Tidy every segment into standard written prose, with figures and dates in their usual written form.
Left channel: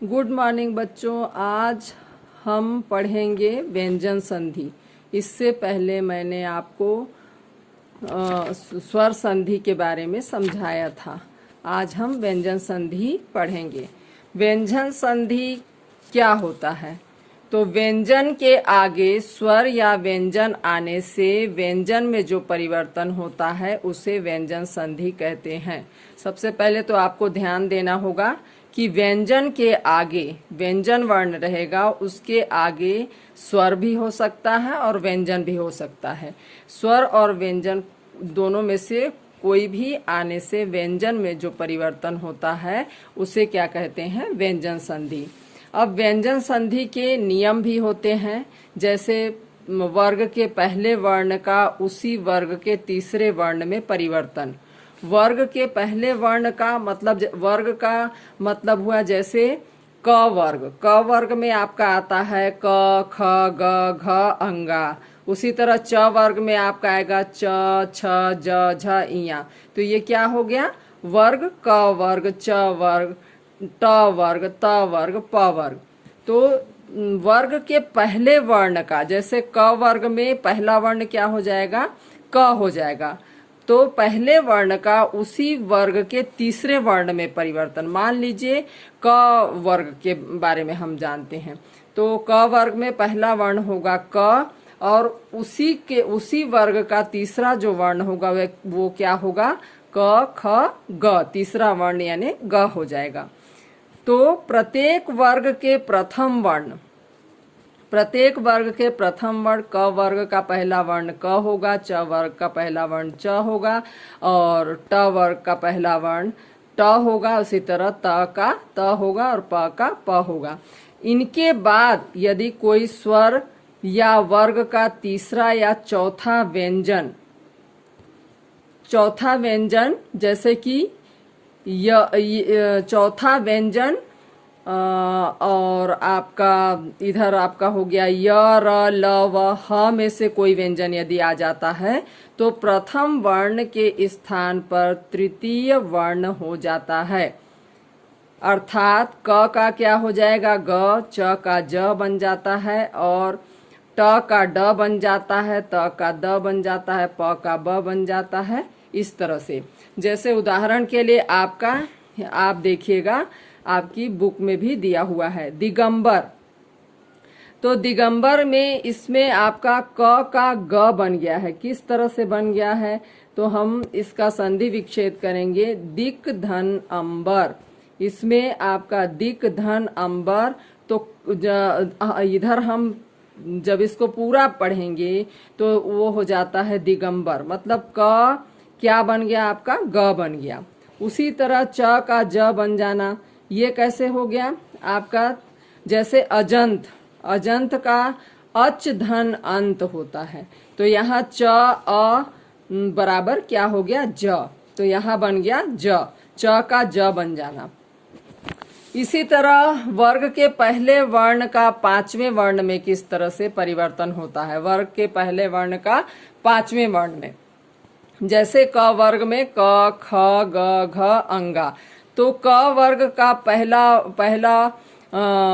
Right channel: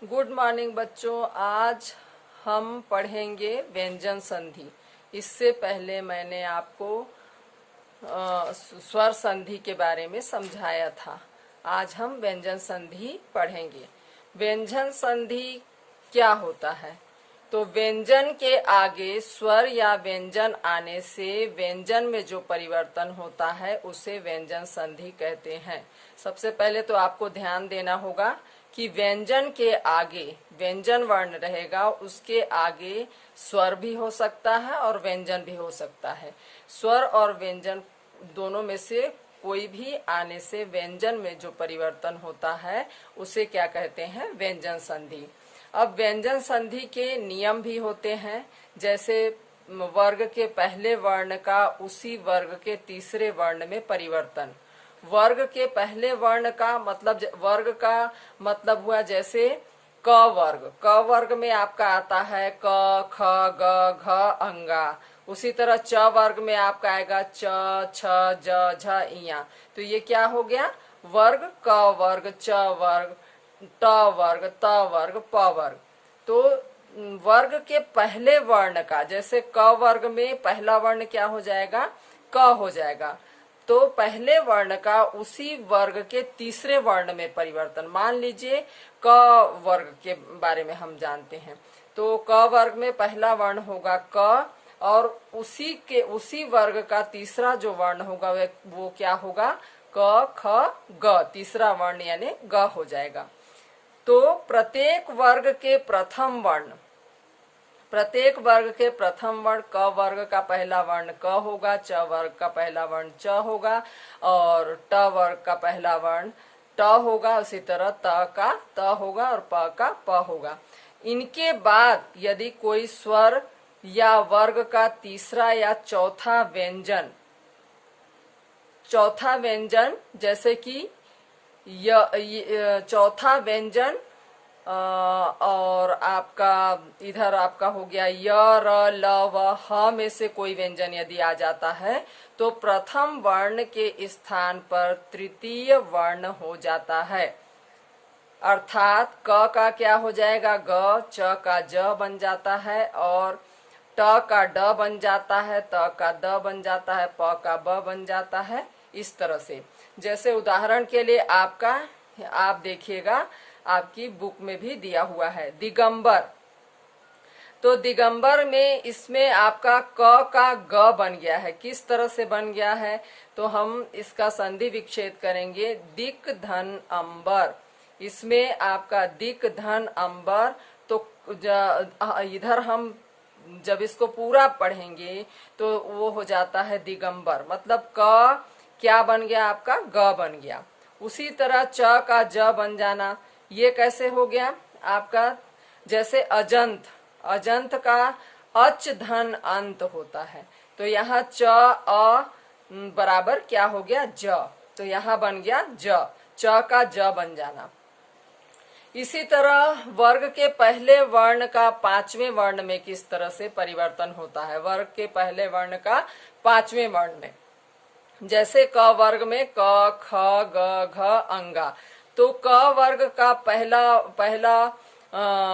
Good morning बच्चों। आज हम पढ़ेंगे व्यंजन संधि। इससे पहले मैंने आपको स्वर संधि के बारे में समझाया था। आज हम व्यंजन संधि पढ़ेंगे। व्यंजन संधि क्या होता है? तो व्यंजन के आगे स्वर या व्यंजन आने से व्यंजन में जो परिवर्तन होता है उसे व्यंजन संधि कहते हैं। सबसे पहले तो आपको ध्यान देना होगा कि व्यंजन के आगे व्यंजन वर्ण रहेगा, उसके आगे स्वर भी हो सकता है और व्यंजन भी हो सकता है। स्वर और व्यंजन दोनों में से कोई भी आने से व्यंजन में जो परिवर्तन होता है उसे क्या कहते हैं? व्यंजन संधि। अब व्यंजन संधि के नियम भी होते हैं, जैसे वर्ग के पहले वर्ण का उसी वर्ग के तीसरे वर्ण में परिवर्तन। वर्ग के पहले वर्ण का मतलब, वर्ग का मतलब हुआ जैसे क वर्ग। क वर्ग में आपका आता है क, ख, ग, घ, अंगा। उसी तरह च वर्ग में आपका आएगा च, छ, ज, झ, इया। तो ये क्या हो गया? वर्ग क वर्ग, च वर्ग, ट वर्ग, त वर्ग, प वर्ग। तो वर्ग के पहले वर्ण का, जैसे क वर्ग में पहला वर्ण क्या हो जाएगा? क हो जाएगा। तो पहले वर्ण का उसी वर्ग के तीसरे वर्ण में परिवर्तन। मान लीजिए क वर्ग के बारे में हम जानते हैं, तो क वर्ग में पहला वर्ण होगा क, और उसी वर्ग का तीसरा जो वर्ण होगा वो क्या होगा? क, ख, ग। तीसरा वर्ण यानी ग हो जाएगा। तो प्रत्येक वर्ग के प्रथम वर्ण क वर्ग का पहला वर्ण क होगा, च वर्ग का पहला वर्ण च होगा, और ट वर्ग का पहला वर्ण ट होगा। उसी तरह त का त होगा और प का प होगा। इनके बाद यदि कोई स्वर या वर्ग का तीसरा या चौथा व्यंजन जैसे कि चौथा व्यंजन और आपका इधर आपका हो गया य, र, ल, व, ह में से कोई व्यंजन यदि आ जाता है तो प्रथम वर्ण के स्थान पर तृतीय वर्ण हो जाता है। अर्थात क का क्या हो जाएगा? ग, च का ज बन जाता है, और ट का ड बन जाता है, त का द बन जाता है, प का ब बन जाता है। इस तरह से, जैसे उदाहरण के लिए आप देखिएगा, आपकी बुक में भी दिया हुआ है दिगंबर। तो दिगंबर में इसमें आपका क का ग बन गया है। किस तरह से बन गया है? तो हम इसका संधि विच्छेद करेंगे। दिक धन अंबर, इसमें आपका दिक धन अंबर। तो इधर हम जब इसको पूरा पढ़ेंगे तो वो हो जाता है दिगंबर। मतलब क क्या बन गया? आपका ग बन गया। उसी तरह च का ज बन जाना, ये कैसे हो गया आपका? जैसे अजंत का अच धन अंत होता है, तो यहाँ च अ बराबर क्या हो गया? ज। तो यहाँ बन गया ज, च का ज बन जाना। इसी तरह वर्ग के पहले वर्ण का पांचवें वर्ण में किस तरह से परिवर्तन होता है? वर्ग के पहले वर्ण का पांचवें वर्ण में, जैसे क वर्ग में क, ख, ग, घ, अंगा। तो क वर्ग का पहला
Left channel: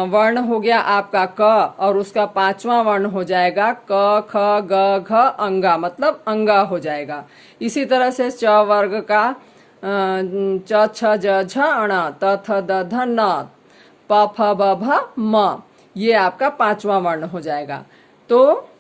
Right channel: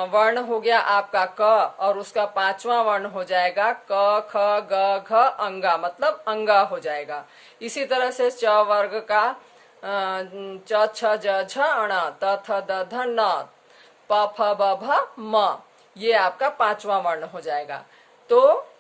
वर्ण हो गया आपका क, और उसका पांचवा वर्ण हो जाएगा क, ख, ग, घ, अंगा, मतलब अंगा हो जाएगा। इसी तरह से च वर्ग का च, छ, ज, झ, अण, त, थ, द, ध, न, प, फ, ब, भ, म, ये आपका पांचवा वर्ण हो जाएगा। तो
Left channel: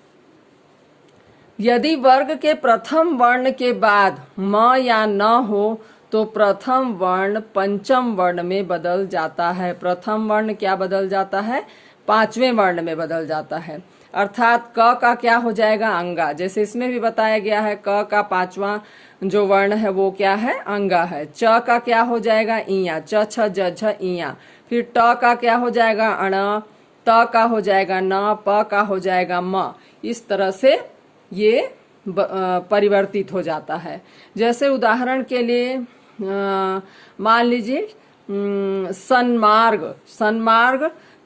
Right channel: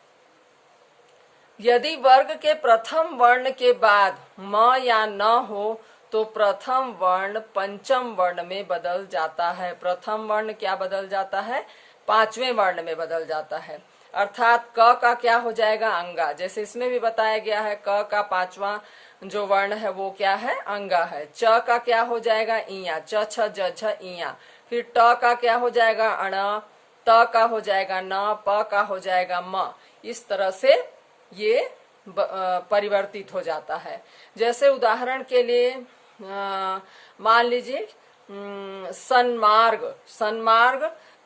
यदि वर्ग के प्रथम वर्ण के बाद म या न हो तो प्रथम वर्ण पंचम वर्ण में बदल जाता है। प्रथम वर्ण क्या बदल जाता है? पांचवें वर्ण में बदल जाता है। अर्थात क का क्या हो जाएगा? अंगा। जैसे इसमें भी बताया गया है, क का पांचवा जो वर्ण है वो क्या है? अंगा है। च का क्या हो जाएगा? इया। च, छ, ज, झ, इया। फिर ट का क्या हो जाएगा? अण। त का हो जाएगा न। प का हो जाएगा म। इस तरह से ये परिवर्तित हो जाता है। जैसे उदाहरण के लिए मान लीजिए सन्मार्ग।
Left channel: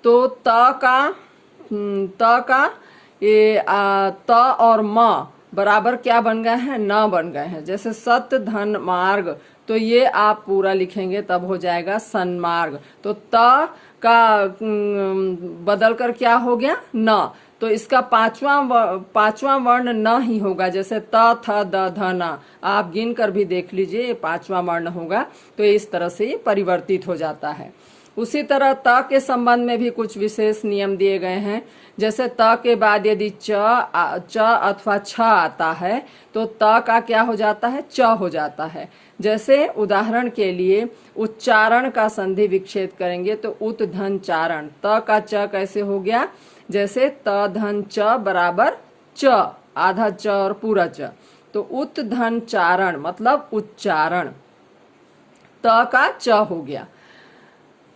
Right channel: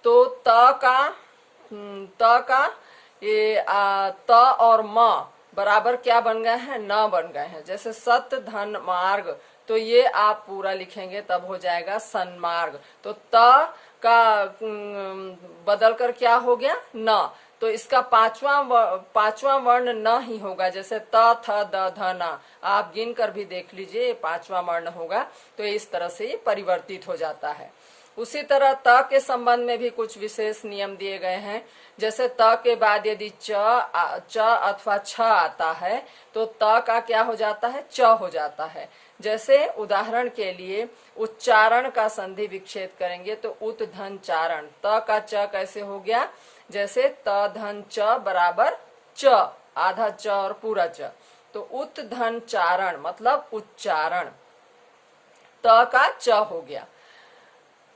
तो त का ये त और म बराबर क्या बन गए हैं? न बन गए हैं। जैसे सत धन मार्ग, तो ये आप पूरा लिखेंगे तब हो जाएगा सन्मार्ग। तो त का बदल कर क्या हो गया न, तो इसका पांचवा वर्ण न ही होगा। जैसे त थ द ध न, आप गिन कर भी देख लीजिए, ये पांचवा वर्ण होगा। तो इस तरह से ये परिवर्तित हो जाता है। उसी तरह त के संबंध में भी कुछ विशेष नियम दिए गए हैं। जैसे त के बाद यदि च अथवा छ आता है तो त का क्या हो जाता है, च हो जाता है। जैसे उदाहरण के लिए उच्चारण का संधि विच्छेद करेंगे तो उत धन चारण, त का च कैसे हो गया, जैसे त धन च बराबर च, आधा च और पूरा च, तो उत धन चारण मतलब उच्चारण, त का च हो गया।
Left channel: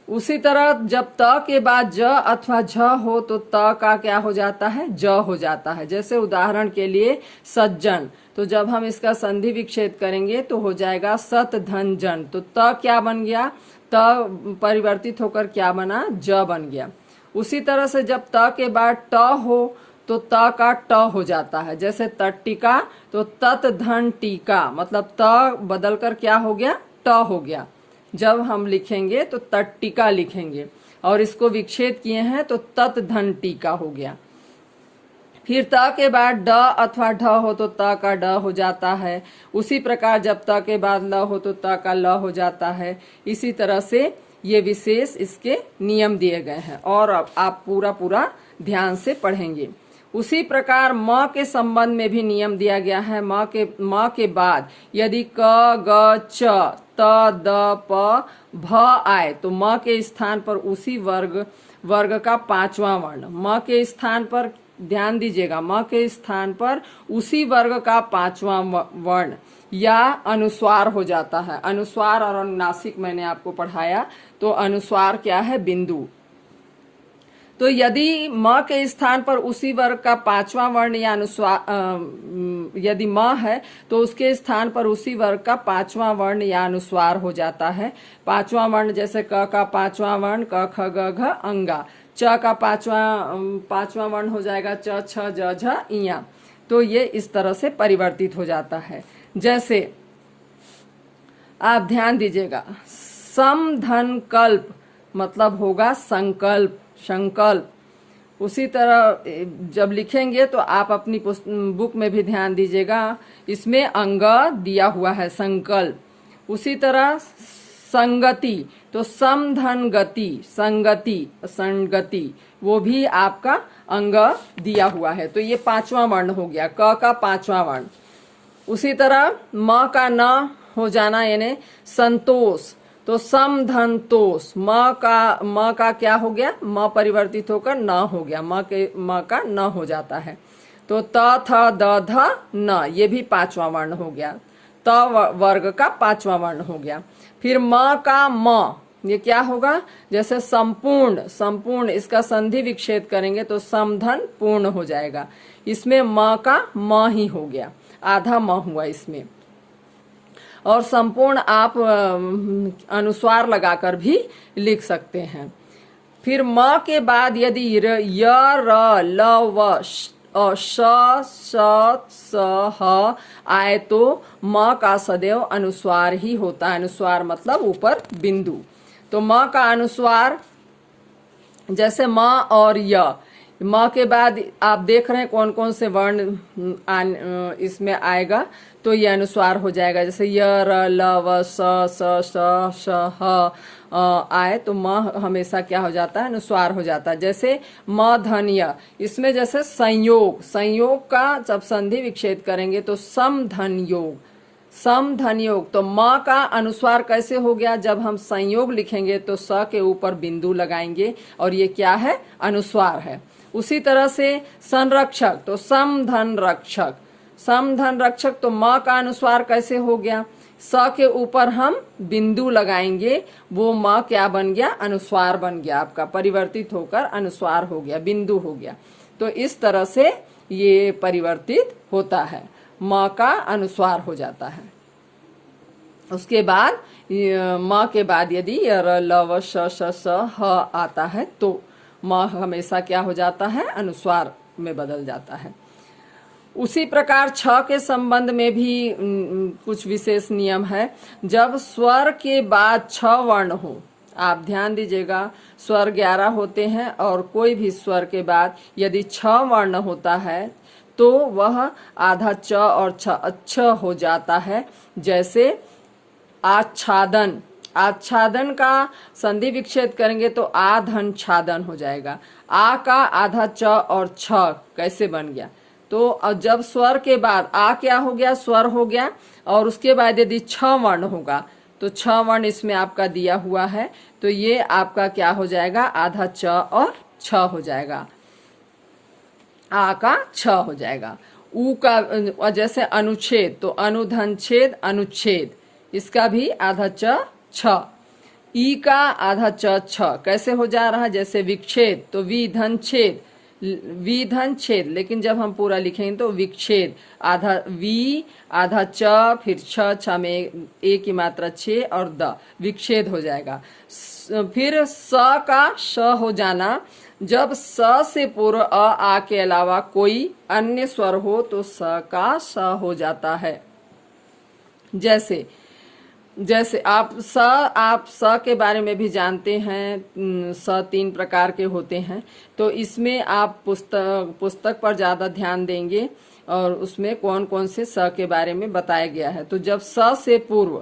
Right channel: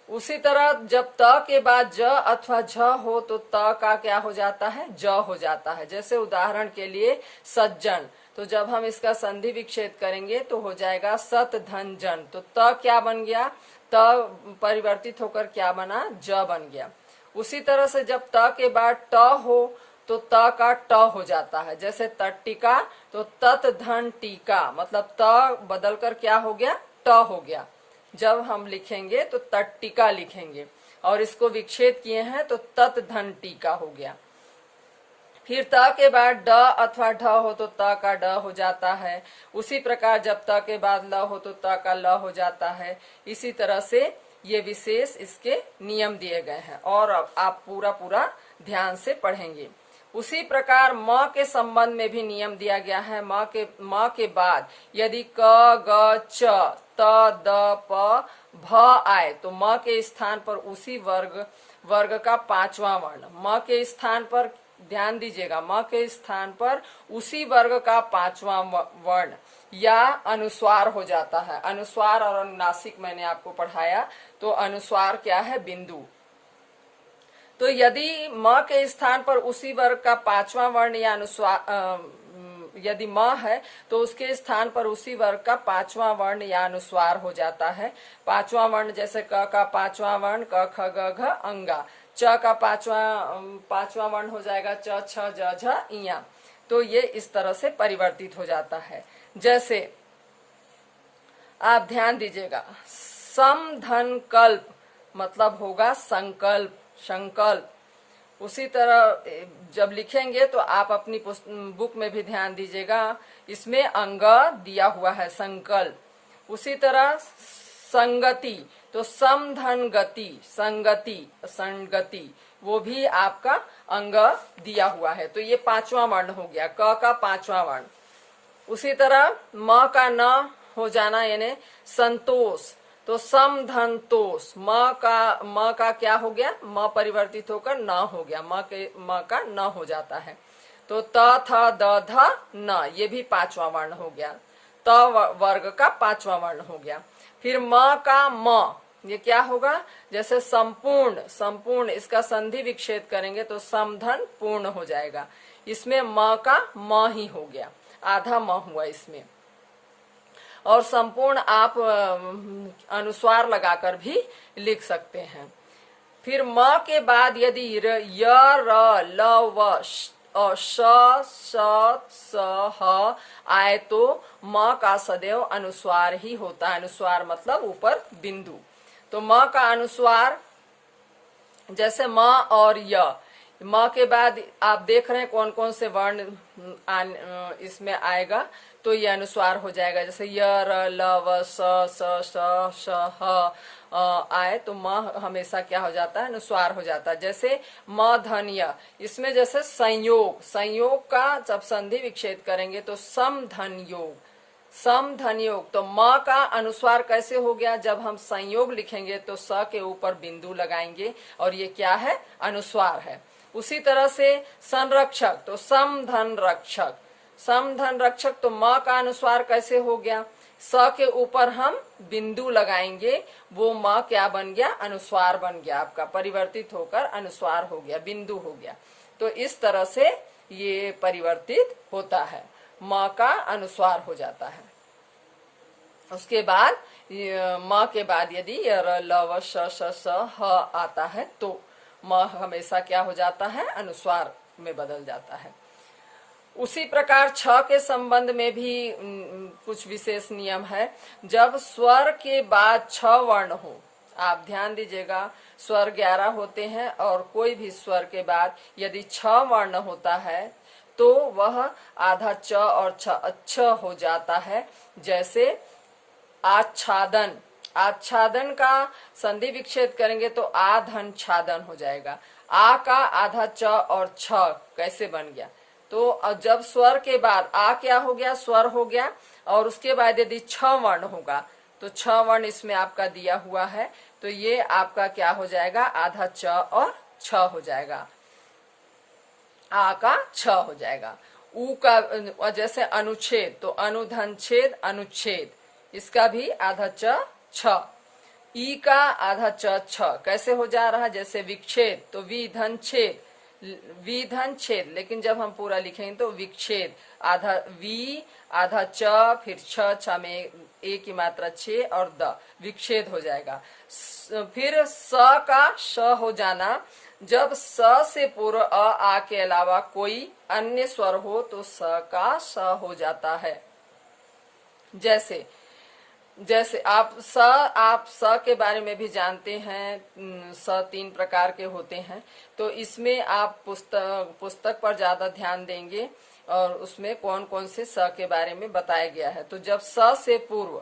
उसी तरह जब त के बाद ज अथवा झ हो तो त का क्या हो जाता है, ज हो जाता है। जैसे उदाहरण के लिए सज्जन, तो जब हम इसका संधि विच्छेद करेंगे तो हो जाएगा सत धन जन, तो त क्या बन गया, त परिवर्तित होकर क्या बना, ज बन गया। उसी तरह से जब त के बाद ट हो तो त का ट हो जाता है। जैसे तट्टिका, तो तत धन टीका मतलब त बदल कर क्या हो गया, ट हो गया। जब हम लिखेंगे तो तट्टिका लिखेंगे और इसको विच्छेद किए हैं तो तत धन टीका हो गया। फिर त के बाद ड अथवा ढ हो तो त का ड हो जाता है। उसी प्रकार जब त के बाद ल हो तो त का ल हो जाता है। इसी तरह से ये विशेष इसके नियम दिए गए हैं और अब आप पूरा ध्यान से पढ़ेंगे। उसी प्रकार म के संबंध में भी नियम दिया गया है। म के बाद यदि क ग च त द प भ आए तो म के स्थान पर उसी वर्ग का पांचवा वर्ण, म के स्थान पर ध्यान दीजिएगा, म के स्थान पर उसी वर्ग का पांचवा वर्ण या अनुस्वार हो जाता है। अनुस्वार और अनुनासिक मैंने आपको पढ़ाया, तो अनुस्वार क्या है, बिंदु। तो यदि म के स्थान पर उसी वर्ग का पांचवा वर्ण या अनुस्वार, यदि म है तो उसके स्थान पर उसी वर्ग का पांचवा वर्ण या अनुस्वार हो जाता है। पांचवा वर्ण जैसे क का पांचवा वर्ण क ख ग घ अंगा, च का पांचवा वर्ण हो जाएगा च छ ज झ इया। तो ये इस तरह से परिवर्तित हो जाता है। जैसे आप ध्यान दीजिएगा, सम धन कल्प मतलब होगा संकल्प, संकल्प। उसी तरह जब लिखेंगे तो आप अपनी बुक में भी ध्यान दीजिएगा, इसमें अंग दिया हुआ है संकल्प। उसी तरह संगति, तो सम धन गति, संगति, संगति, वो भी आपका अंग दिया हुआ है। तो ये पांचवा वर्ण हो गया, क का पांचवा वर्ण। उसी तरह म का न हो जाना यानी संतोष, तो सम धन तोष, म का क्या हो गया, म परिवर्तित होकर न हो गया, म का न हो जाता है। तो त थ द ध न, ये भी पांचवा वर्ण हो गया, त वर्ग का पांचवा वर्ण हो गया। फिर म का म, ये क्या होगा, जैसे संपूर्ण, संपूर्ण इसका संधि विच्छेद करेंगे तो समधन पूर्ण हो जाएगा। इसमें म का म ही हो गया, आधा म हुआ इसमें। और संपूर्ण आप अनुस्वार लगाकर भी लिख सकते हैं। फिर म के बाद यदि य र ल व श स स ह आए तो म का सदैव अनुस्वार ही होता है। अनुस्वार मतलब ऊपर बिंदु। तो म का अनुस्वार जैसे म और य, म के बाद आप देख रहे हैं कौन कौन से वर्ण इसमें आएगा, तो ये अनुस्वार हो जाएगा। जैसे य र ल व स स श ह आए तो म हमेशा क्या हो जाता है, अनुस्वार हो जाता है। जैसे म धन य, इसमें जैसे संयोग, संयोग का जब संधि विच्छेद करेंगे तो सम धन योग, सम धन योग। तो म का अनुस्वार कैसे हो गया, जब हम संयोग लिखेंगे तो स के ऊपर बिंदु लगाएंगे और ये क्या है, अनुस्वार है। उसी तरह से संरक्षक, तो सम धन रक्षक, सम धन रक्षक। तो म का अनुस्वार कैसे हो गया, स के ऊपर हम बिंदु लगाएंगे, वो म क्या बन गया, अनुस्वार बन गया, आपका परिवर्तित होकर अनुस्वार हो गया, बिंदु हो गया। तो इस तरह से ये परिवर्तित होता है, म का अनुस्वार हो जाता है। उसके बाद म के बाद यदि र ल व श श स ह आता है तो म हमेशा क्या हो जाता है, अनुस्वार में बदल जाता है। उसी प्रकार छ के संबंध में भी कुछ विशेष नियम है। जब स्वर के बाद छ वर्ण हो, आप ध्यान दीजिएगा, स्वर 11 होते हैं और कोई भी स्वर के बाद यदि 6 वर्ण होता है तो वह आधा च और छ हो जाता है। जैसे आच्छादन, आच्छादन का संधि विच्छेद करेंगे तो आधन छादन हो जाएगा। आ का आधा च और छ कैसे बन गया? तो जब स्वर के बाद आ क्या हो गया? स्वर हो गया, और उसके बाद यदि छ वर्ण होगा तो छ वर्ण इसमें आपका दिया हुआ है, तो ये आपका क्या हो जाएगा? आधा च और छ हो जाएगा, आ का छ हो जाएगा। ऊ का जैसे अनुच्छेद, तो अनुधन छेद अनुच्छेद, इसका भी आधा च छ। ई का आधा च छ कैसे हो जा रहा है? जैसे विक्षेद, तो विधन छेद, विधन छेद, लेकिन जब हम पूरा लिखेंगे तो विक्षेद, आधा वी आधा च, फिर छ में ए की मात्रा छे और द, विक्षेद हो जाएगा। फिर स का श हो जाना, जब स से पूर्व अ आ के अलावा कोई अन्य स्वर हो तो स का स हो जाता है। जैसे जैसे आप स के बारे में भी जानते हैं, स 3 प्रकार के होते हैं, तो इसमें आप पुस्तक पर ज्यादा ध्यान देंगे और उसमें कौन कौन से स के बारे में बताया गया है। तो जब स से पूर्व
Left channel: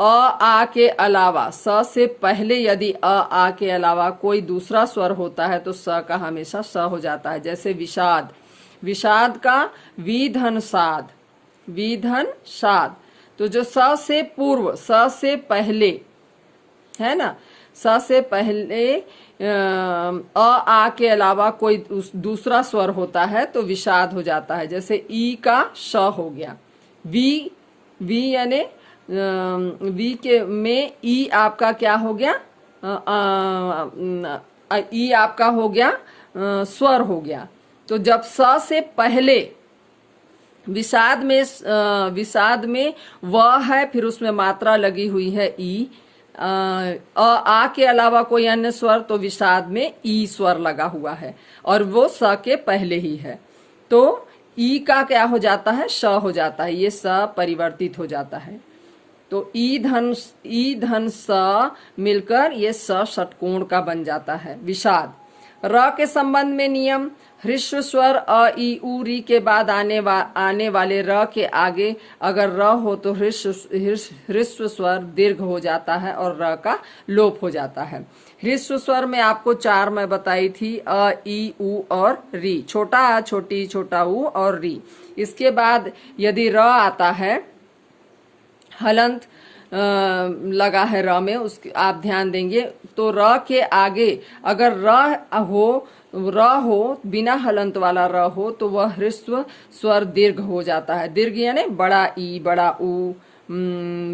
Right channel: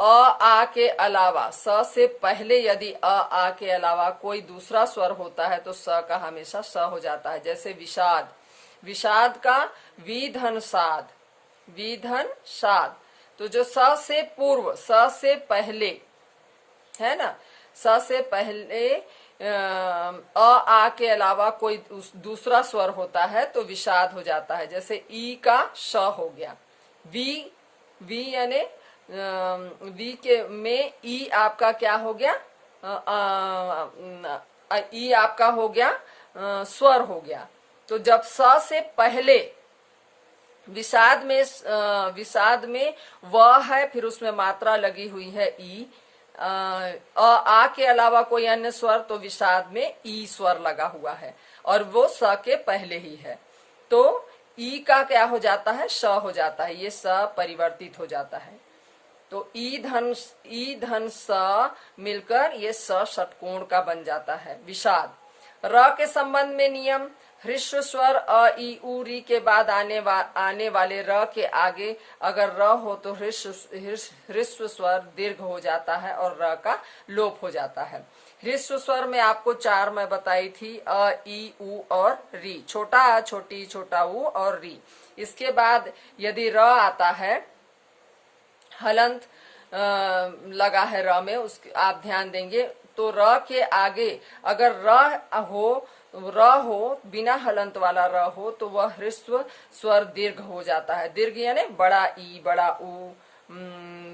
अ आ के अलावा, स से पहले यदि अ आ के अलावा कोई दूसरा स्वर होता है तो स का हमेशा स हो जाता है। जैसे विषाद, विषाद का विधन साध, विधन साध, तो जो स से पूर्व, स से पहले है ना, स से पहले अ आ के अलावा कोई दूसरा स्वर होता है तो विषाद हो जाता है। जैसे ई का श हो गया, वी यानी वी के में ई आपका क्या हो गया? ई आपका हो गया स्वर हो गया। तो जब स से पहले विषाद में व है, फिर उसमें मात्रा लगी हुई है ई, आ के अलावा कोई अन्य स्वर तो विषाद में ई स्वर लगा हुआ है और वो स के पहले ही है, तो ई का क्या हो जाता है? श हो जाता है, ये स परिवर्तित हो जाता है। तो ई धन स मिलकर ये स षटकोण का बन जाता है। विषाद। र के संबंध में नियम, ह्रस्व स्वर अ ई उ री के बाद आने वाले र के आगे अगर र हो तो ह्रस्व स्वर दीर्घ हो जाता है और र का लोप हो जाता है। ह्रस्व स्वर में आपको 4 मैं बताई थी, अ ई उ और री, छोटा आ छोटी छोटा उ और री। इसके बाद यदि र आता है, हलंत लगा है र में, उसके आप ध्यान देंगे तो र के आगे अगर र हो बिना हलंत वाला र हो तो वह ह्रस्व स्वर दीर्घ हो जाता है। दीर्घ यानी बड़ा ई, बड़ा उ,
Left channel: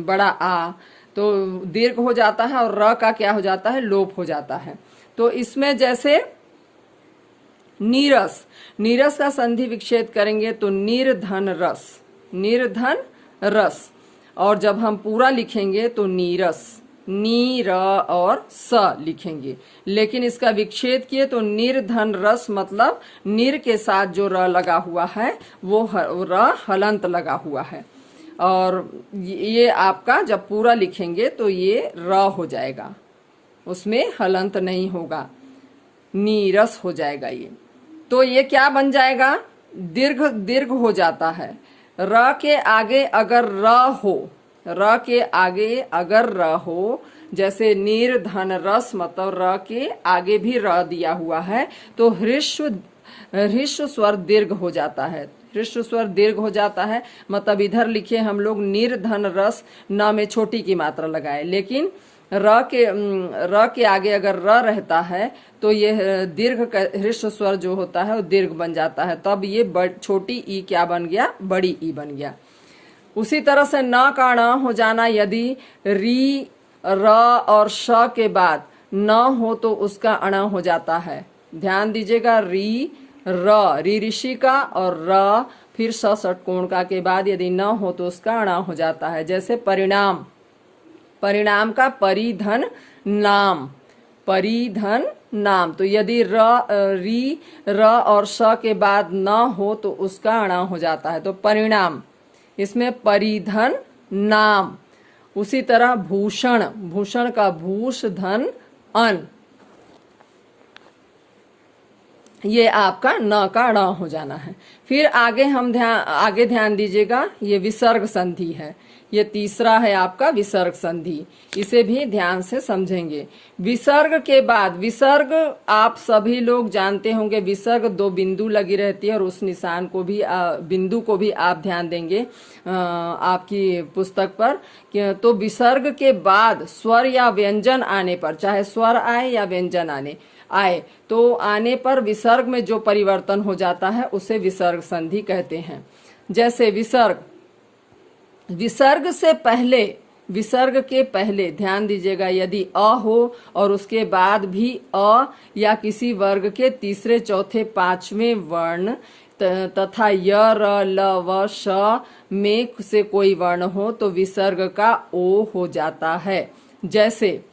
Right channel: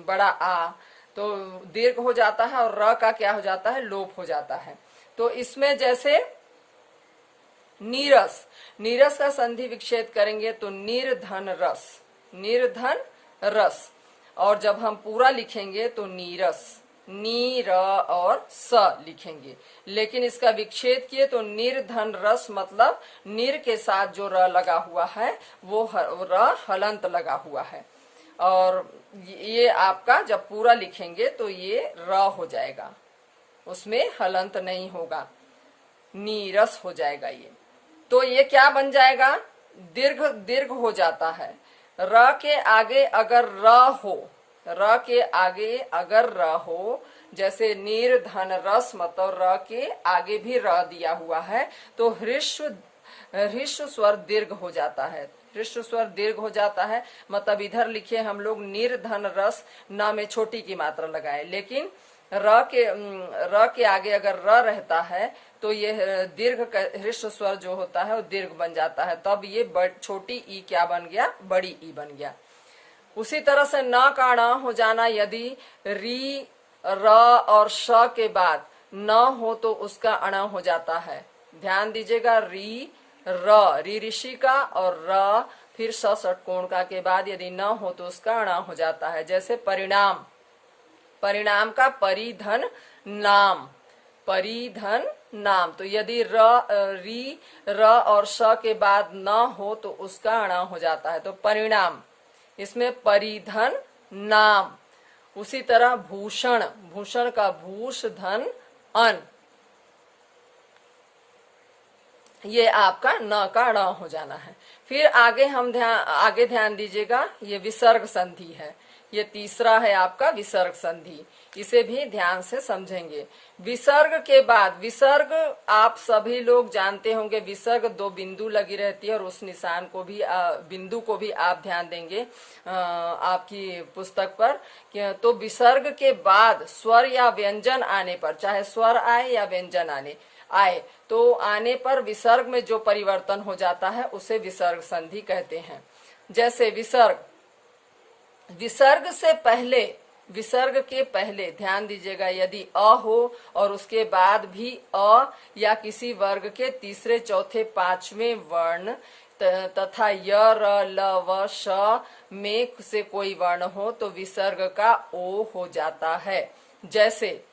बड़ा आ, तो दीर्घ हो जाता है और र का क्या हो जाता है? लोप हो जाता है। तो इसमें जैसे नीरस, नीरस का संधि विच्छेद करेंगे तो निर्धन रस, निर्धन रस, और जब हम पूरा लिखेंगे तो नीरस, नी र और स लिखेंगे, लेकिन इसका विच्छेद किए तो निर्धन रस, मतलब निर के साथ जो र लगा हुआ है वो र हलंत लगा हुआ है, और ये आपका जब पूरा लिखेंगे तो ये र हो जाएगा, उसमें हलंत नहीं होगा, नीरस हो जाएगा ये। तो ये क्या बन जाएगा? दीर्घ हो जाता है। र के आगे अगर र हो, र के आगे अगर र हो, जैसे निर्धन रस, मतलब र के आगे भी र दिया हुआ है तो ह्रस्व स्वर दीर्घ हो जाता है, ह्रस्व स्वर दीर्घ हो जाता है, मतलब इधर लिखे हम लोग निर्धन रस, न में छोटी की मात्रा लगाए, लेकिन र के आगे अगर र रहता है तो ये दीर्घ ह्रस्व स्वर जो होता है वो दीर्घ बन जाता है, तब ये छोटी ई क्या बन गया? बड़ी ई बन गया। उसी तरह से न का ण हो जाना, यदि री र और श के बाद न हो तो उसका अण हो जाता है। ध्यान दीजिएगा, री ऋषि का और र फिर स षटकोण का के बाद यदि न हो तो उसका अण हो जाता है। जैसे परिणाम, परिणाम का परिधन नाम, परिधन नाम, तो यदि री र और श के बाद न हो तो उसका अण हो जाता है, तो परिणाम, इसमें परिधन नाम। उसी तरह भूषण, भूषण का भूष धन अन, ये आपका न का ण हो जाना है। फिर आगे ध्यान दीजिएगा, ये विसर्ग संधि है, ये तीसरा है आपका विसर्ग संधि, इसे भी ध्यान से समझेंगे। विसर्ग के बाद, विसर्ग आप सभी लोग जानते होंगे, विसर्ग 2 बिंदु लगी रहती है और उस निशान को भी बिंदु को भी आप ध्यान देंगे आपकी पुस्तक पर। तो विसर्ग के बाद स्वर या व्यंजन आने पर, चाहे स्वर आए या व्यंजन आए तो आने पर विसर्ग में जो परिवर्तन हो जाता है उसे विसर्ग संधि कहते हैं। जैसे विसर्ग से पहले, विसर्ग के पहले ध्यान दीजिएगा, यदि अ हो और उसके बाद भी अ या किसी वर्ग के तीसरे चौथे पांचवें वर्ण तथा य र ल व श में से कोई वर्ण हो तो विसर्ग का ओ हो जाता है। जैसे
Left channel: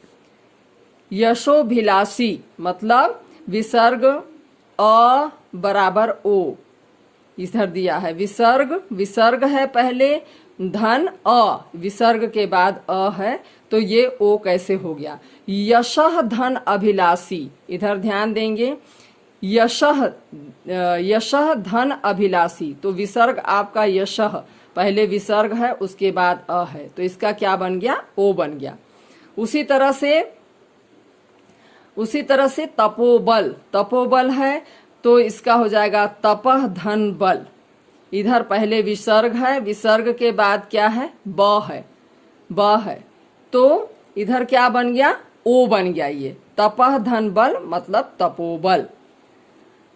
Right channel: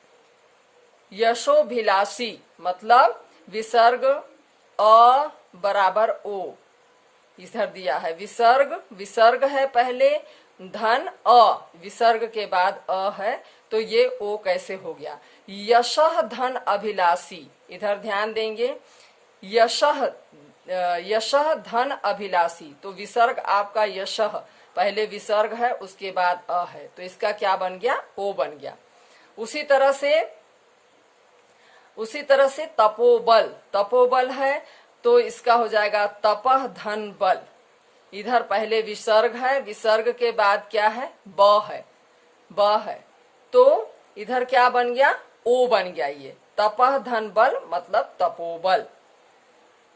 यशोभिलाषी, मतलब विसर्ग अ बराबर ओ, इधर दिया है विसर्ग है पहले, धन अ, विसर्ग के बाद अ है, तो ये ओ कैसे हो गया। यशः धन अभिलाषी, इधर ध्यान देंगे, यशः धन अभिलाषी, तो विसर्ग आपका यशः, पहले विसर्ग है उसके बाद अ है, तो इसका क्या बन गया, ओ बन गया। उसी तरह से तपोबल है तो इसका हो जाएगा तपह धन बल, इधर पहले विसर्ग है, विसर्ग के बाद क्या है, ब है, तो इधर क्या बन गया, ओ बन गया, ये तपह धन बल मतलब तपोबल।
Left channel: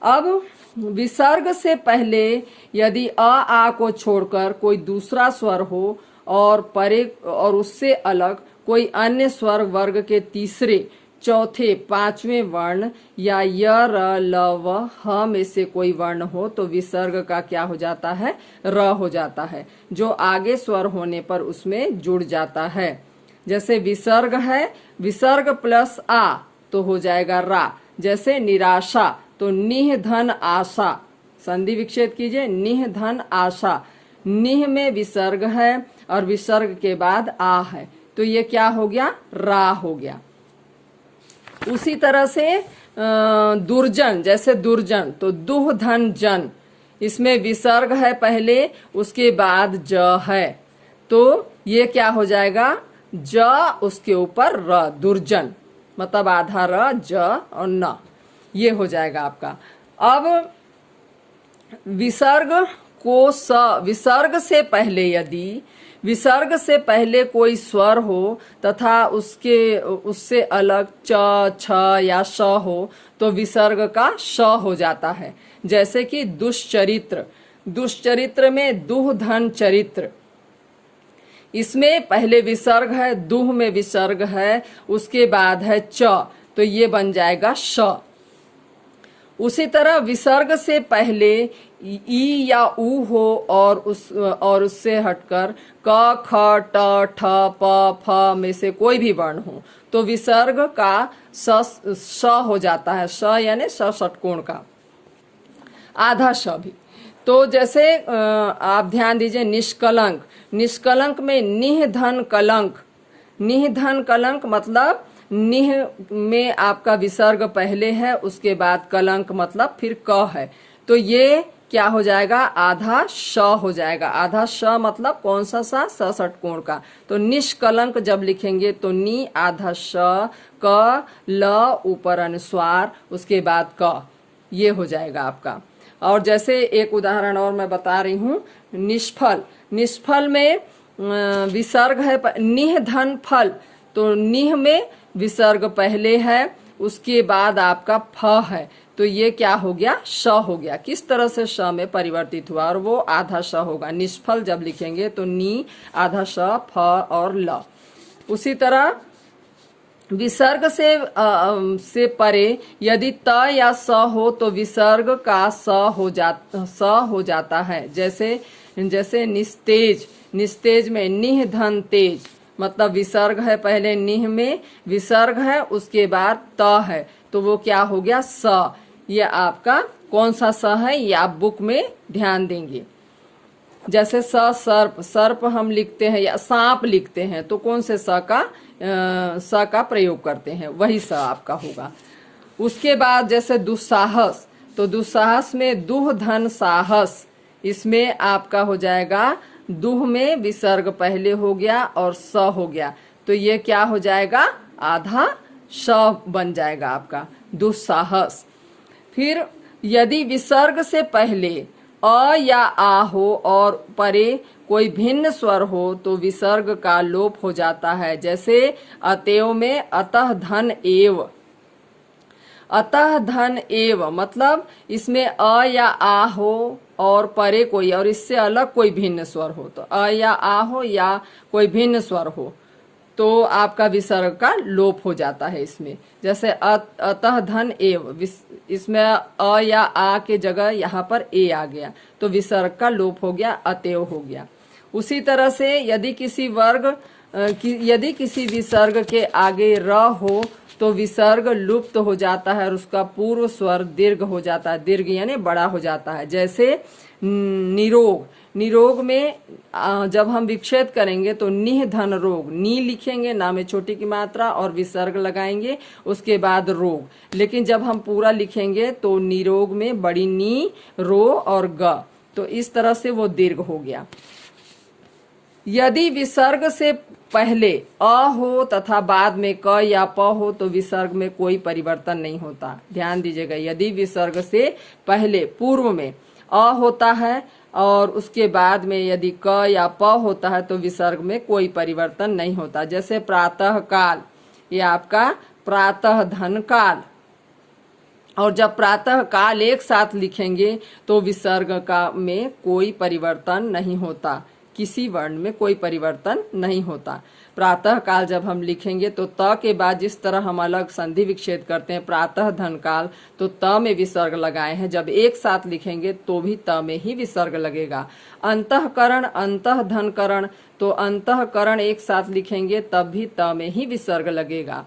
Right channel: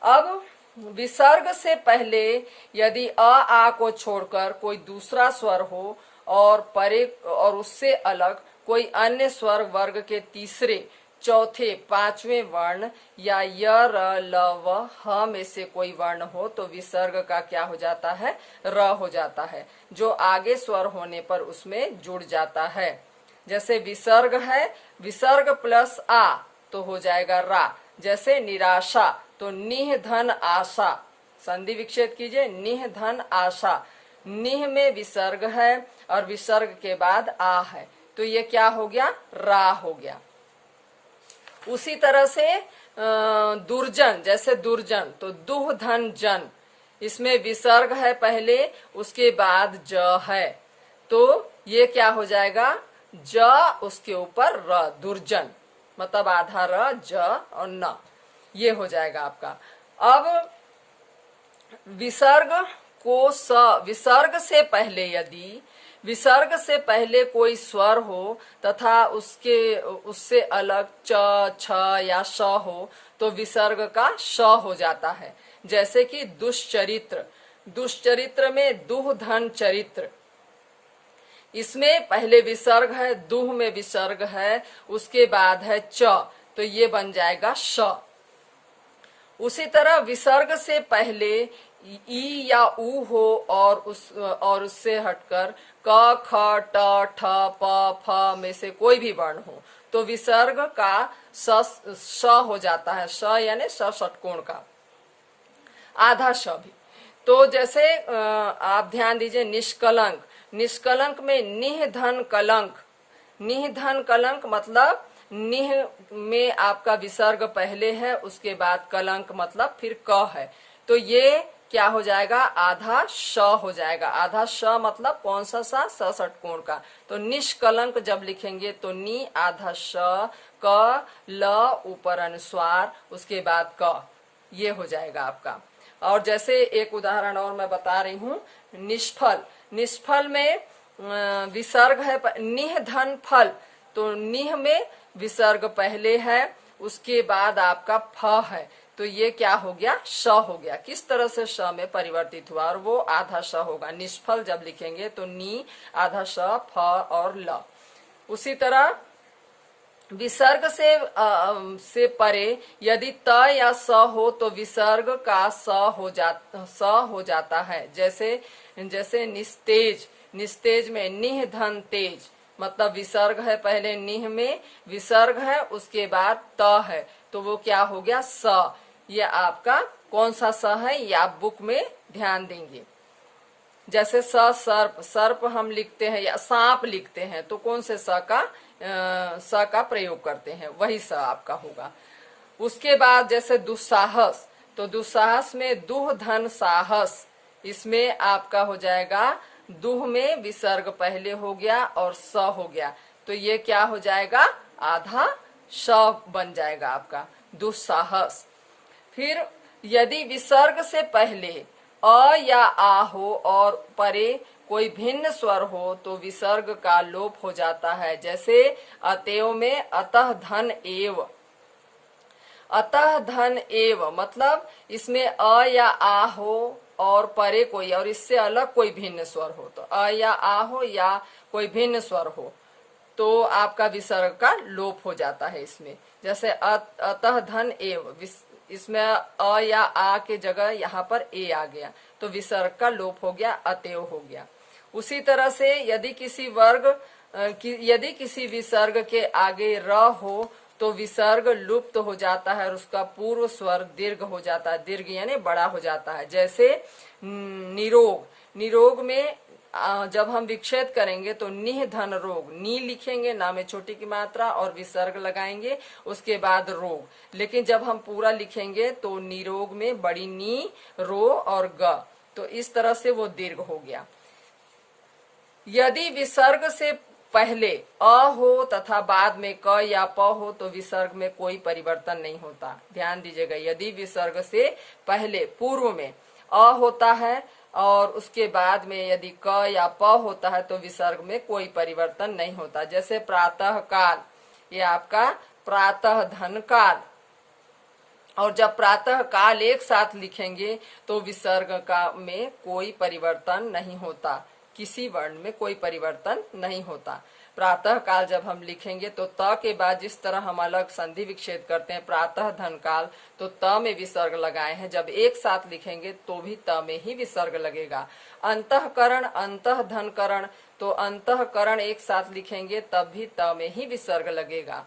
अब विसर्ग से पहले यदि आ को छोड़कर कोई दूसरा स्वर हो और उससे अलग कोई अन्य स्वर वर्ग के तीसरे चौथे पांचवें वर्ण या य र ल व ह में से कोई वर्ण हो तो विसर्ग का क्या हो जाता है, र हो जाता है, जो आगे स्वर होने पर उसमें जुड़ जाता है। जैसे विसर्ग है, विसर्ग प्लस आ तो हो जाएगा रा। जैसे निराशा, तो निह धन आशा, संधि विच्छेद कीजिए, निह धन आशा, निह में विसर्ग है और विसर्ग के बाद आ है, तो ये क्या हो गया, रा हो गया। उसी तरह से दुर्जन, जैसे दुर्जन, तो दुह धन जन, इसमें विसर्ग है पहले उसके बाद ज है, तो ये क्या हो जाएगा, ज उसके ऊपर र, दुर्जन, मतलब आधा र ज और न, ये हो जाएगा आपका। अब विसर्ग को स, विसर्ग से पहले यदि विसर्ग से पहले कोई स्वर हो तथा उससे अलग च, छ या श हो तो विसर्ग का श हो जाता है। जैसे कि दुष्चरित्र, दुष्चरित्र में दुह धन चरित्र, इसमें पहले विसर्ग है, दुह में विसर्ग है, उसके बाद है च, तो ये बन जाएगा श। उसी तरह विसर्ग से पहले ई या ऊ हो और उससे हटकर क, ख, ट, ठ, प, फ में से कोई भी वर्ण हो तो विसर्ग का स हो जाता है, श यानी स षटकोण का, आधा श भी। तो जैसे आप ध्यान दीजिए, निष्कलंक, निष्कलंक में निह धन कलंक, निह धन कलंक मतलब निह में आपका विसर्ग पहले है उसके बाद कलंक मतलब फिर क है, तो ये क्या हो जाएगा, आधा श हो जाएगा। आधा श मतलब कौन सा सा, स षटकोण का, तो निष्कलंक जब लिखेंगे तो नी आधा श, क, ल ऊपर अनुस्वार उसके बाद क, ये हो जाएगा आपका। और जैसे एक उदाहरण और मैं बता रही हूँ, निष्फल, निष्फल में विसर्ग है निह धन फल, तो निह में विसर्ग पहले है उसके बाद आपका फ है, तो ये क्या हो गया, श हो गया। किस तरह से श में परिवर्तित हुआ, और वो आधा श होगा। निष्फल जब लिखेंगे तो नी आधा श, फ और ल। उसी तरह विसर्ग से परे यदि त या स हो तो विसर्ग का स हो जाता है। जैसे निस्तेज, निस्तेज में निह धन तेज, मतलब विसर्ग है पहले, निह में विसर्ग है उसके बाद त है, तो वो क्या हो गया, स। ये आपका कौन सा स है, ये आप बुक में ध्यान देंगे। जैसे सर्प, सर्प हम लिखते हैं या सांप लिखते हैं तो कौन से स का प्रयोग करते हैं, वही स आपका होगा। उसके बाद जैसे दुस्साहस, तो दुस्साहस में दुह धन साहस, इसमें आपका हो जाएगा दुह में विसर्ग पहले हो गया और स हो गया, तो ये क्या हो जाएगा, आधा श बन जाएगा आपका दुस्साहस। फिर यदि विसर्ग से पहले अ या आ हो और परे कोई भिन्न स्वर हो तो विसर्ग का लोप हो जाता है। जैसे अतएव में अतः धन एव, अतः धन एव मतलब इसमें अ या आ हो और परे कोई और इससे अलग कोई भिन्न स्वर हो, तो अ या आ हो या कोई भिन्न स्वर हो तो आपका विसर्ग का लोप हो जाता है इसमें। जैसे अतः धन एव, इसमें अ या आ के जगह यहाँ पर ए आ गया तो विसर्ग का लोप हो गया, अतएव हो गया। उसी तरह से यदि किसी विसर्ग के आगे र हो तो विसर्ग लुप्त हो जाता है और उसका पूर्व स्वर दीर्घ हो जाता है, दीर्घ यानी बड़ा हो जाता है। जैसे निरोग, निरोग में जब हम विच्छेद करेंगे तो निह धन रोग, नी लिखेंगे, ना में छोटी की मात्रा और विसर्ग लगाएंगे, उसके बाद रोग। लेकिन जब हम पूरा लिखेंगे तो निरोग में बड़ी नी, रो और ग, तो इस तरह से वो दीर्घ हो गया। यदि विसर्ग से पहले अ हो तथा बाद में क या प हो तो विसर्ग में कोई परिवर्तन नहीं होता। ध्यान दीजिएगा, यदि विसर्ग से पहले पूर्व में अ होता है और उसके बाद में यदि क या प होता है तो विसर्ग में कोई परिवर्तन नहीं होता। जैसे प्रातः काल, ये आपका प्रातः धन काल, और जब प्रातः काल एक साथ लिखेंगे तो विसर्ग का में कोई परिवर्तन नहीं होता, किसी वर्ण में कोई परिवर्तन नहीं होता। प्रातः काल जब हम लिखेंगे तो त के बाद जिस तरह हम अलग संधि विच्छेद करते हैं प्रातः धन काल, तो त में विसर्ग लगाए हैं, जब एक साथ लिखेंगे तो भी त में ही विसर्ग लगेगा। अंतःकरण, अंतः धन करण, तो अंतःकरण एक साथ लिखेंगे तब भी त में ही विसर्ग लगेगा।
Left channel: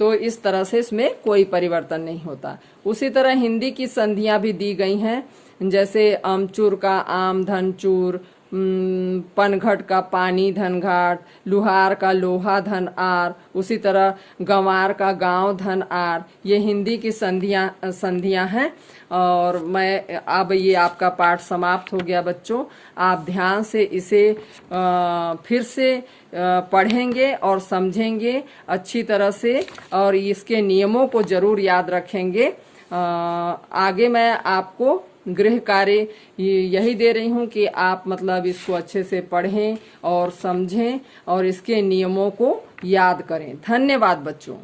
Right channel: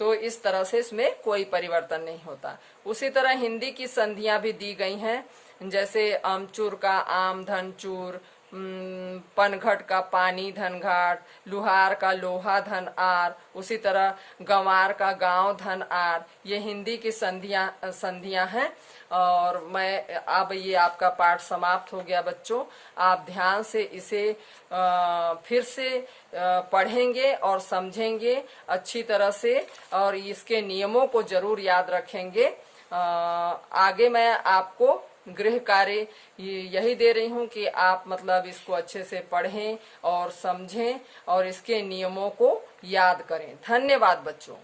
तो इस तरह से इसमें कोई परिवर्तन नहीं होता। उसी तरह हिंदी की संधियां भी दी गई हैं, जैसे अमचूर का आम धन चूर, पनघट का पानी धन घाट, लुहार का लोहा धन आर, उसी तरह गंवार का गांव धन आर, ये हिंदी की संधियां हैं। और मैं अब ये आपका पाठ समाप्त हो गया बच्चों। आप ध्यान से इसे फिर से पढ़ेंगे और समझेंगे अच्छी तरह से और इसके नियमों को जरूर याद रखेंगे। आगे मैं आपको गृह कार्य यही दे रही हूँ कि आप मतलब इसको अच्छे से पढ़ें और समझें और इसके नियमों को याद करें। धन्यवाद बच्चों।